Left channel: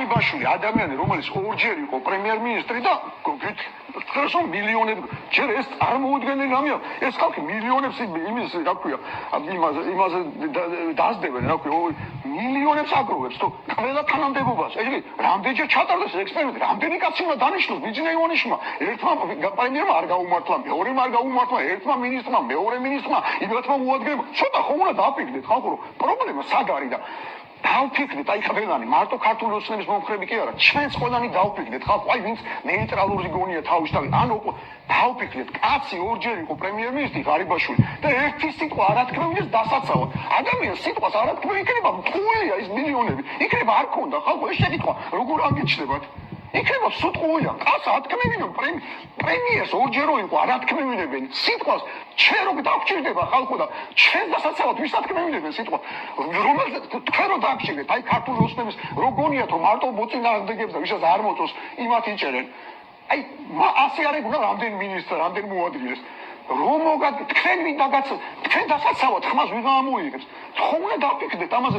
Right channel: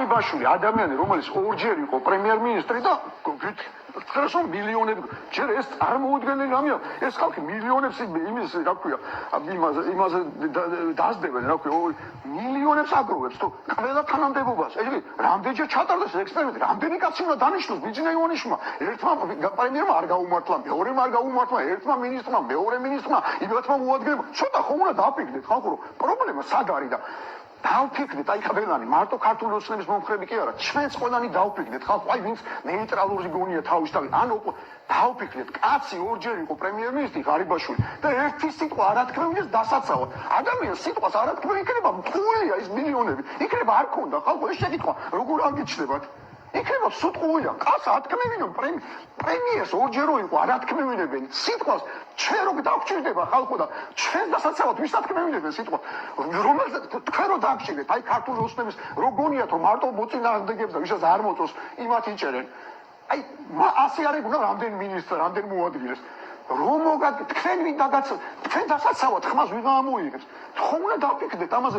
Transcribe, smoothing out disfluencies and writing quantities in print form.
ღარიბაშვილი ადამიანი, რომელიც ორჯერ იყო პრემიერ-მინისტრი და ხერხო მილიონები, ჯერ ეს წარმოუდგენელი რამეა, ეს ხალხი მილიონებს იმის, რა ქვია, იმაზე დაძდებენ, რა ქვია, მილიონებს აგროვებს თუ ყველა თანამდებობას. ეგ რამდენჯერ ჩატარდეს ექსპერიმენტი, რამდენი კაცი უნდა დანიშნოს ბიძინეივანიშვილმა, ერთმა პრემიერმა არ გაუმართლა, მეორემ არ გაუმართლა, ერთმა მინისტრმა, მეორე მინისტრმა, იმათმა მოადგნებმა. ცოტა ხომ უნდა დააფიქრდეთ ხალხო, რომ პრობლემა სად არის და დავფიქრდეთ, აი ხაბელანი, მარტო ქართული ოცნების მომხრები კი არა, ჩვენც ყველანი დავფიქრდეთ, ხალხო, აი ვინც ნეიტრალური გონია თავისთავად, ანუ დავფიქრდეთ, კაცი ორჯერ იყო პრემიერ-მინისტრი ღარიბაშვილი და ერთი სიტყვა არ ათქმევიდეს დასაცავად. ადამიანს სიტყვას არ ათქმევი, იქნება მტყუილია ის მილიონები, იქნება არ ქონდა, ხალხო, ეს შეკითხვა როგორ აკეჩნდებათ? იქნება სუტყუილია, კაცს ათქმევინონ პრემიერს ორჯერ იყო არ ათქმევინებენ სიტყვას, ჩვენ რო დაგჭირდება ხალხო და ჩვენ დასაცავად ვის ათქმევინებენ სიტყვას, რომელზეც თქვენ რო დაგჭირდეთ, აი ქართული ოცნების როგორია თუ მარტო მოწინააღმდეგებს და ვისაც არ მოწონს იმათ იჭერენ. აი ასე არ ეგუნა რამდენ მინისტრს, რამდენ მოადგილეს. რომ თქვენ ვინ დაგაცავთ, თქვენ დასაცავად ხმას ვიღა ამოიღებს. ხომ უნდა დაფიქრდეთ ამაზე.